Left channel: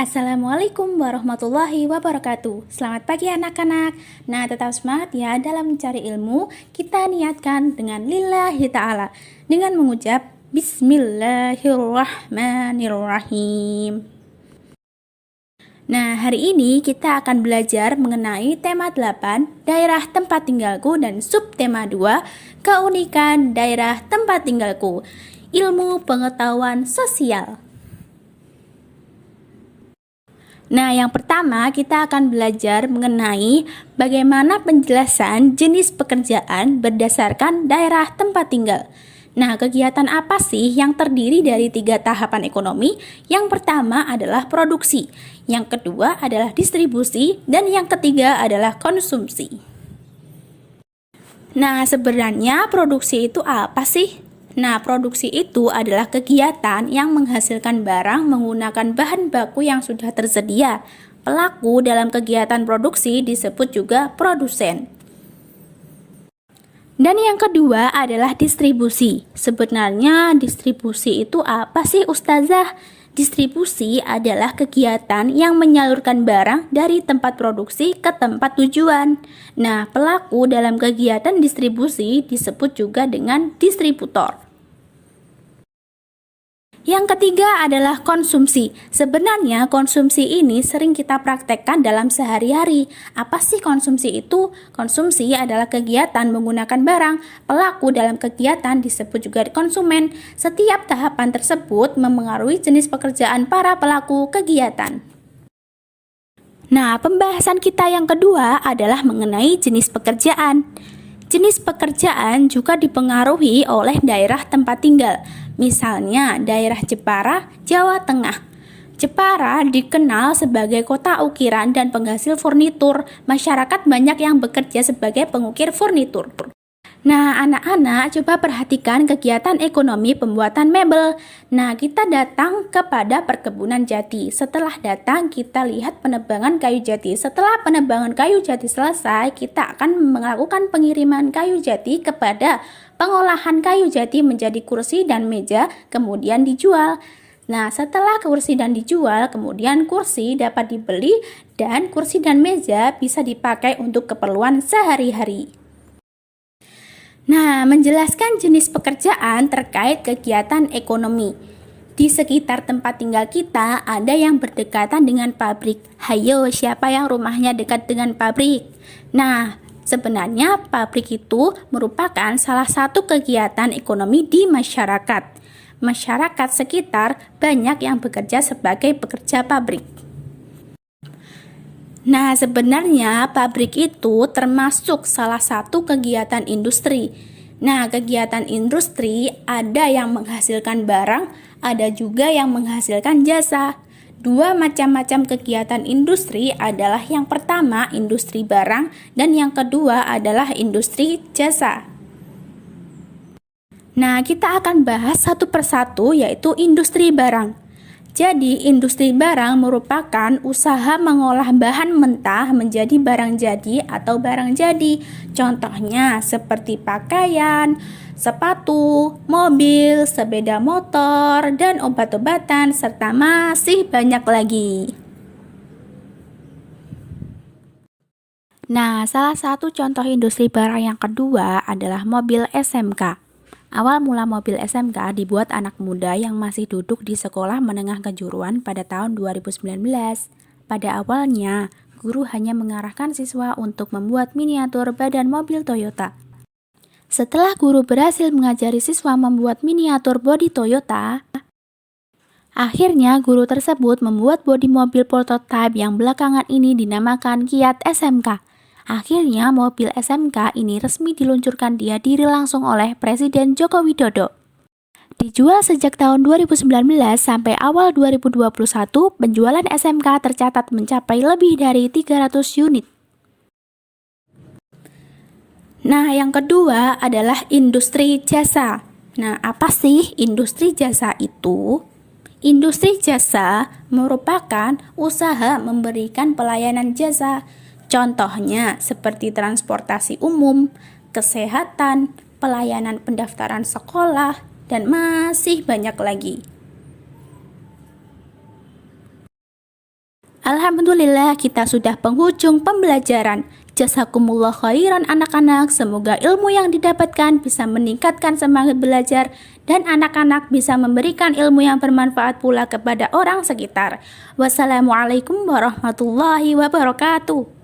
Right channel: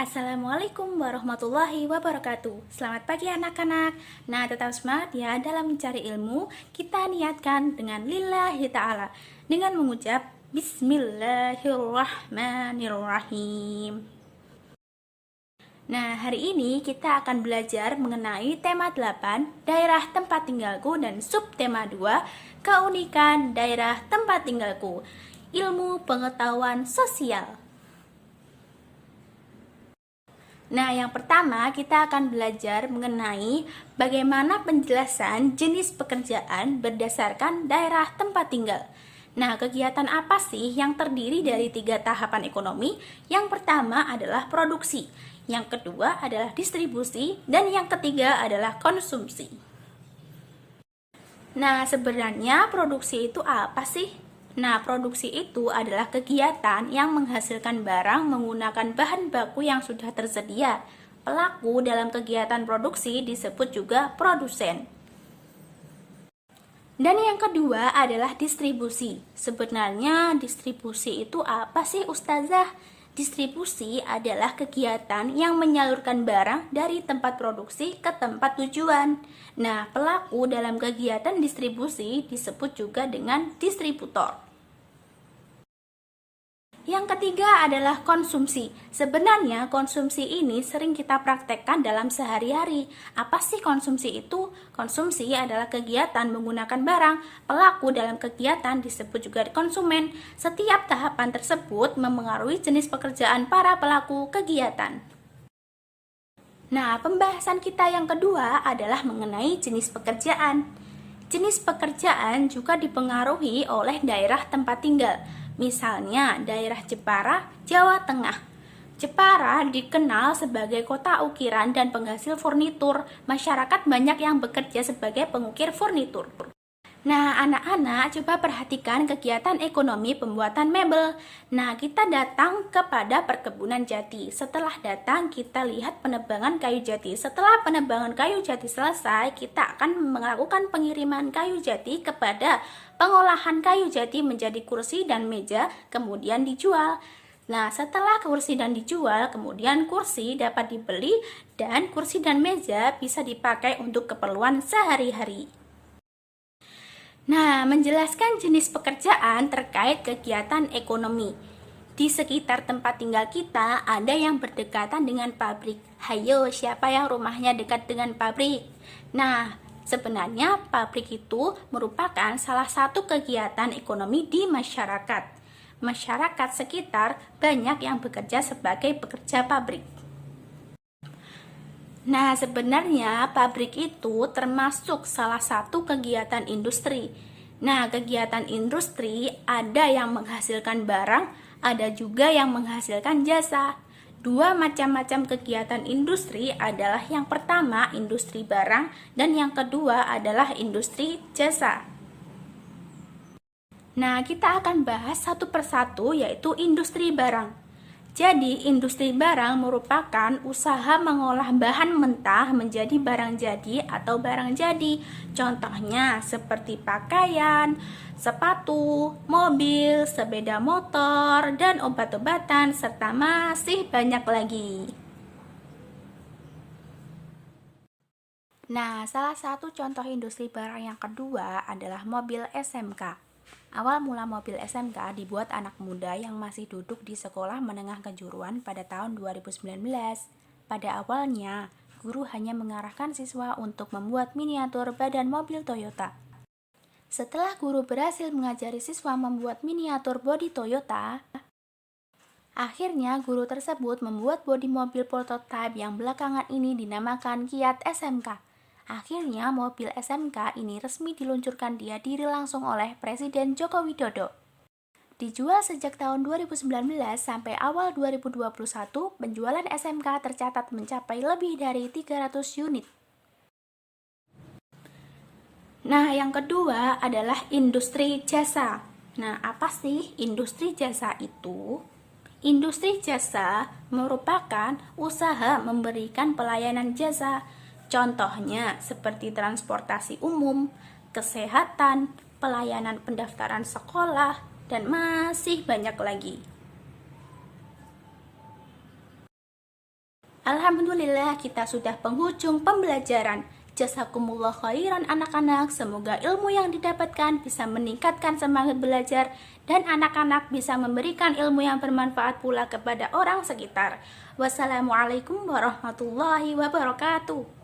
Assalamualaikum warahmatullahi wabarakatuh. Selamat pagi anak-anak. Nah, tetap semangat ya dalam mencari ilmu. Kita niatkan dengan lillahi ta'ala dengan mengucap Bismillahirrahmanirrahim. Nah, hari ini kita akan belajar mengenai tema 8, daerah tempat tinggalku, dan subtema 2, keunikan daerah tempat tinggalku, ilmu pengetahuan sosial. Nah, yang pertama kita akan belajar mengenai bagaimana penjelasan jenis pekerjaan berdasarkan daerah tempat tinggal. Nah, kegiatan apa sih yang terdiri dari 3 tahapan ekonomi? Yang pertama adalah produksi, yang kedua adalah distribusi, dan yang ketiga adalah konsumsi. Nah, sebenarnya produksi itu apa sih? Nah, produksi itu adalah kegiatan yang menghasilkan barang menggunakan bahan baku yang sudah tersedia. Pelaku dalam kegiatan produksi disebut juga produsen. Dan yang kedua adalah distribusi. Sebenarnya distribusi itu apa sih, Ustazah? Distribusi adalah kegiatan yang menyalurkan barang dari tempat produksi ke tempat tujuan. Nah, pelaku dalam kegiatan distribusi disebut juga dengan distributor. Yang ketiga adalah konsumsi. Sebenarnya konsumsi ini sering kita praktekkan dalam sehari-hari. Apa sih konsumsi itu? Konsumsi adalah kegiatan menggunakan barang. Pelaku dalam kegiatan disebut juga konsumen. Setiap tahapan tersebut memengaruhi jenis pekerjaan para pelaku kegiatan. Nah, pembahasan kita yang kedua adalah mengenai jenis pekerjaan. Jenis pekerjaan juga dipengaruhi oleh daerah tempat tinggal. Misalnya, daerah Jepara, Jawa Tengah. Jepara dikenal sebagai kota ukiran dan penghasil furnitur. Masyarakat banyak yang bekerja sebagai pengukir furnitur. Nah, anak-anak coba perhatikan kegiatan ekonomi pembuatan mebel. Nah, kita datang kepada perkebunan jati. Setelah datang, kita lihat penebangan kayu jati. Setelah penebangan kayu jati selesai, kita akan melakukan pengiriman kayu jati kepada pengolahan kayu jati menjadi kursi dan meja, kemudian dijual. Nah, setelah kursi dan dijual, kemudian kursi dapat dibeli dan kursi dan meja bisa dipakai untuk keperluan sehari-hari. Nah, menjelaskan jenis pekerjaan terkait kegiatan ekonomi. Di sekitar tempat tinggal kita ada yang berdekatan dengan pabrik. Hayo, siapa yang rumahnya dekat dengan pabrik? Nah, sebenarnya pabrik itu merupakan salah satu kegiatan ekonomi di masyarakat. Masyarakat sekitar banyak yang bekerja sebagai pekerja pabrik. Nah, sebenarnya pabrik itu termasuk salah satu kegiatan industri. Nah, kegiatan industri ada yang menghasilkan barang, ada juga yang menghasilkan jasa. Dua macam-macam kegiatan industri adalah yang pertama industri barang dan yang kedua adalah industri jasa. Nah, kita akan bahas satu persatu yaitu industri barang. Jadi, industri barang merupakan usaha mengolah bahan mentah menjadi barang jadi atau barang jadi. Contohnya seperti pakaian, sepatu, mobil, sepeda motor, dan obat-obatan, serta masih banyak lagi. Nah, salah satu contoh industri barang yang kedua adalah mobil SMK. Awal mula mobil SMK dibuat anak muda yang masih duduk di sekolah menengah kejuruan pada tahun 2019. Pada awalnya, guru hanya mengarahkan siswa untuk membuat miniatur badan mobil Toyota. Setelah guru berhasil mengajari siswa membuat miniatur bodi Toyota, akhirnya guru tersebut membuat bodi mobil prototipe yang belakangan ini dinamakan Kiat SMK. Akhirnya mobil SMK ini resmi diluncurkan di diri langsung oleh Presiden Joko Widodo. Dijual sejak tahun 2019 sampai awal 2021, penjualan SMK tercatat mencapai lebih dari 300 unit. Nah, yang kedua adalah industri jasa. Nah, apa sih industri jasa itu? Industri jasa merupakan usaha memberikan pelayanan jasa. Contohnya seperti transportasi umum, kesehatan, pelayanan pendaftaran sekolah, dan masih banyak lagi. Alhamdulillah kita sudah penghujung pembelajaran. Jazakumullah khairan anak-anak, semoga ilmu yang didapatkan bisa meningkatkan semangat belajar dan anak-anak bisa memberikan ilmu yang bermanfaat pula kepada orang sekitar. Wassalamualaikum warahmatullahi wabarakatuh.